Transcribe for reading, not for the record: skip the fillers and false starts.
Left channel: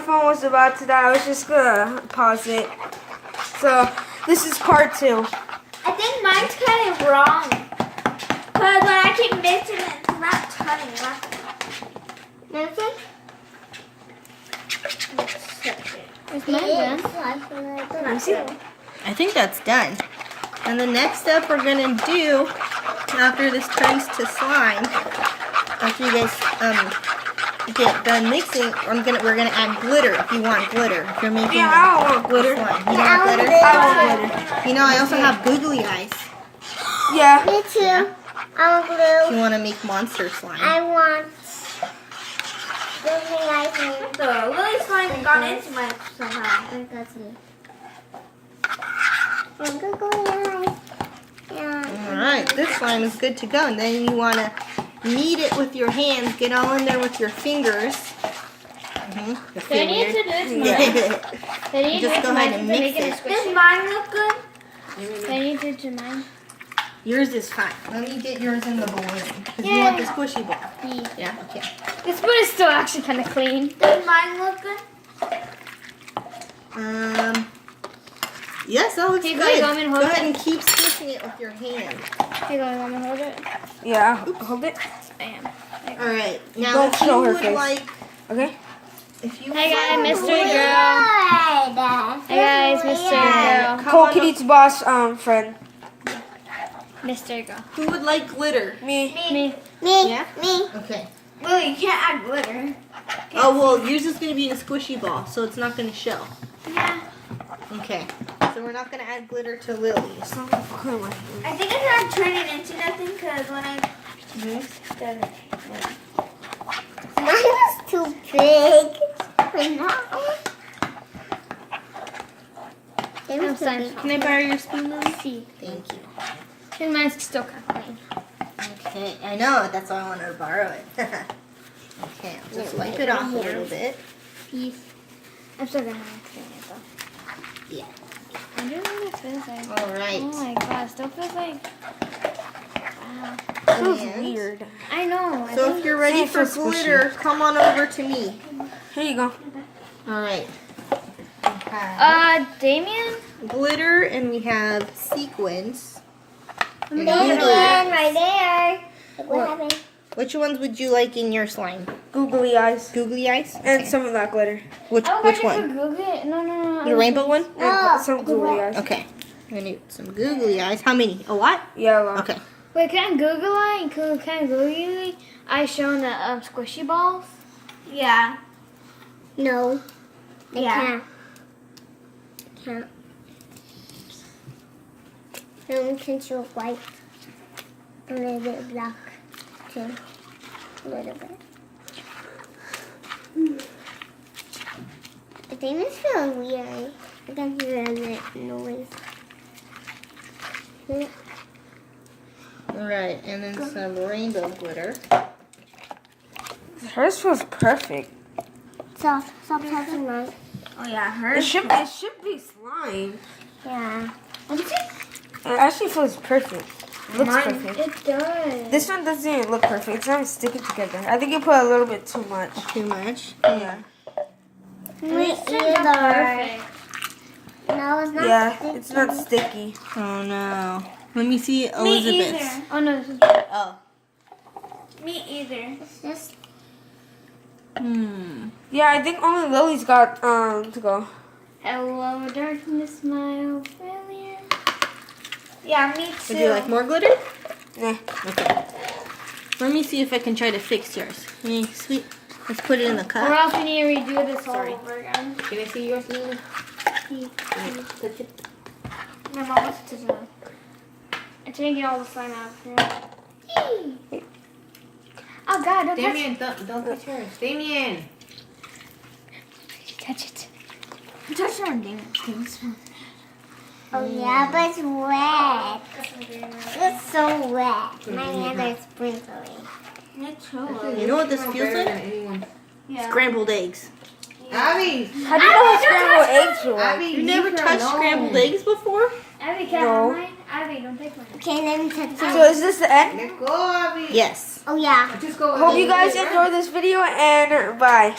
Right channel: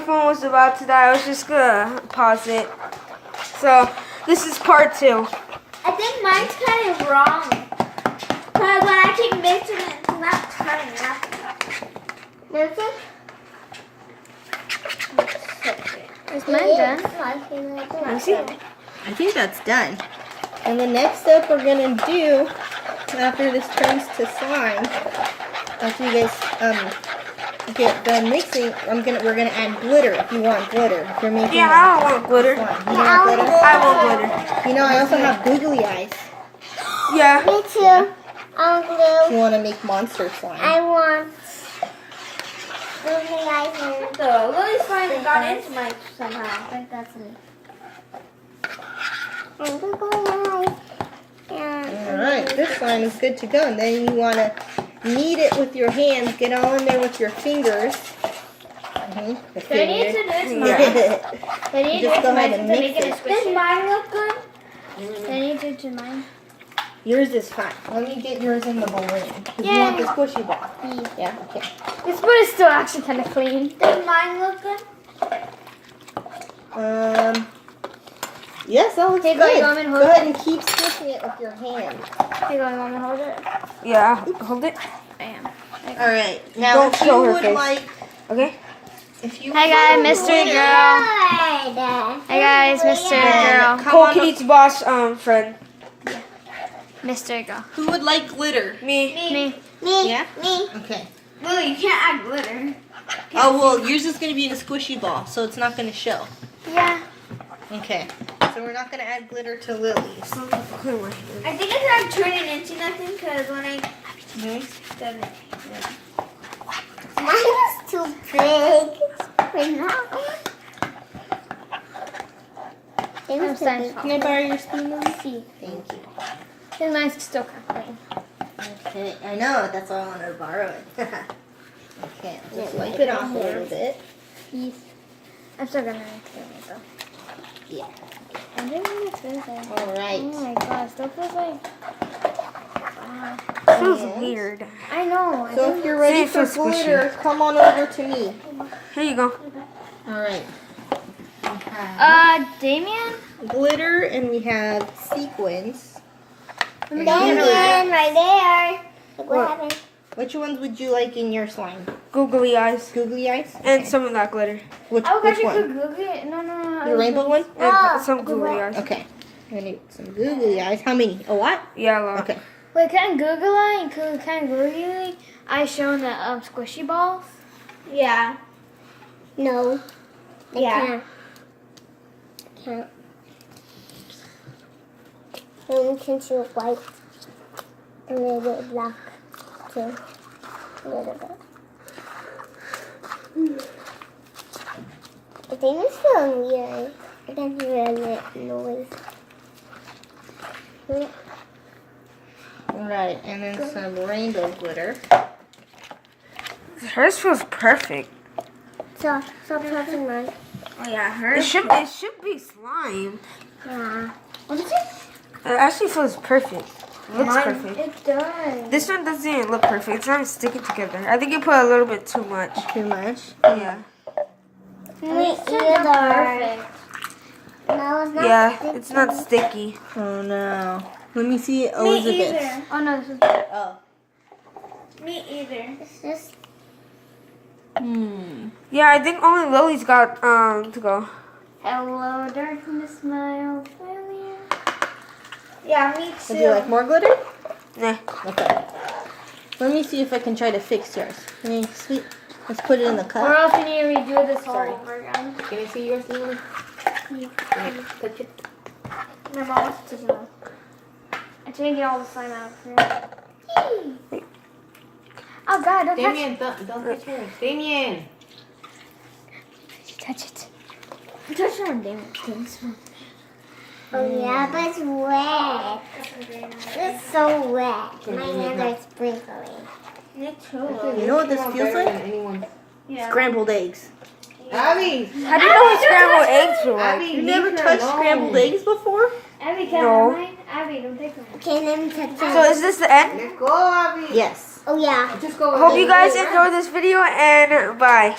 My phone was about to die. I was just gonna pause it. So this is part 2. I think mine's kind of wrong. Because when I keep mixing it, it's not turning nothing. Nothing? Is mine done? Let me see. I think that's done. And the next step we're gonna do after this turns to slime, after you guys get done mixing, we're gonna add glitter if you want glitter. If you're making Yeah, I don't want glitter. slime. You want glitter? I want glitter. You know, I also have googly eyes. Yeah. Me too. I want If glue. you want to make monster slime. I want googly eyes and So Lily's slime got into mine somehow. I got some. And googly eyes. All right, this slime is good to go. And then you want to knead it with your hands. Get all in there with your fingers. The Do I need to do this mine? Yeah. Do I need to do Just it go to mine ahead and to make mix it it. Does squishy? mine look good? Do I need to do it to mine? Yours is fine. Let me get yours in the balloon. Because you want the squishy ball. Yeah, okay. This spoon is still actually kind of clean. Does mine look good? Yes, that looks Hey, good. you want me to Go hold ahead it? and keep squishing it with your hand. Hey, go, you want me to hold it? Yeah, hold it. I am. All right. Now, Don't if show you her would face. like, Okay. if you Hi would guys, Mr. Girl. Good. Hey guys, Mr. then Girl. come Cole on up. Kitty's boss friend. Mr. Girl. Who would like glitter? Me. Me. Me. Yeah? Me. Okay. Lily, you can't add glitter. Oh, well, yours is going to be in a squishy ball, so it's not going to show. Yeah. Okay. So we're not going to add glitter to Lily's. Clear my hand. I think it's not turning into nothing because when I done it. Mine is too big. Right now. I'm sorry. Can I borrow your spoon, Lily? See. Thank you. Because mine's still kind of clean. Okay. I know. That's why I wanted to borrow it. Okay. I'll just wipe it off a little bit. Peace. I'm still gonna clean it though. Yeah. I don't know what it feels like. All right. Oh my god, it still feels like. Wow. Feels And- weird. I know. I So think if you're ready See for if it's squishy. glitter, come on over to me. Here you go. All right. We have Damien? glitter and we have sequins. And Damien, googly right eyes. there. Look What? what happened. Which ones would you like in your slime? Googly eyes. Googly eyes? And Okay. some of that glitter. Which one? No. Your rainbow one? And Oh, some googly eyes. Okay. I'm gonna need some googly eyes. How many? A lot? Yeah, a lot. Okay. Wait, can Google it? Can Google I shown the squishy balls? Yeah. No. Yeah. Can't. Can you white? A little bit black too. A little bit. I think it's so weird. I can hear a little noise. All right. And then some rainbow glitter. Hers feels perfect. Stop touching mine. Oh yeah, It should be slime. Yeah. It actually feels perfect. It looks perfect. It does. This one doesn't even look perfect. It's not even sticking together. I think you put a little bit too much. Too much? Yeah. Me either. perfect. No, it's not. Yeah, it's not sticky. Oh no. Let me see Me Elizabeth's. either. Oh no, this is Oh. Me either. just. Yeah, I think only Lily's got to go. Hello, darkness, my old failure. Yeah, me Would you like too. more glitter? Nah. Okay. Let me see if I can try to fix yours. Can you see? Let's put it in the Or cup. else we need to redo this all Sorry. over again. Can I see yours, Lily? Touch it. No, Mom, it's just enough. I didn't get all the slime out of here. Oh God, don't Damien, don't touch her. Damien! touch it. Touch your Damien. Oh yeah, but it's wet. It's so wet. My hands are sprinkling. Me too. You know what this feels like? Anyone. Yeah. Scrambled eggs. Abby! How do you know what scrambled eggs feel like? Abby, You never leave her touched alone. scrambled eggs before? Abby, can No. I have mine? Abby, don't take mine. Okay, let me touch So is this the end? Let go, Abby. Yes. Oh yeah. Just go. Hope you guys enjoyed this video and bye.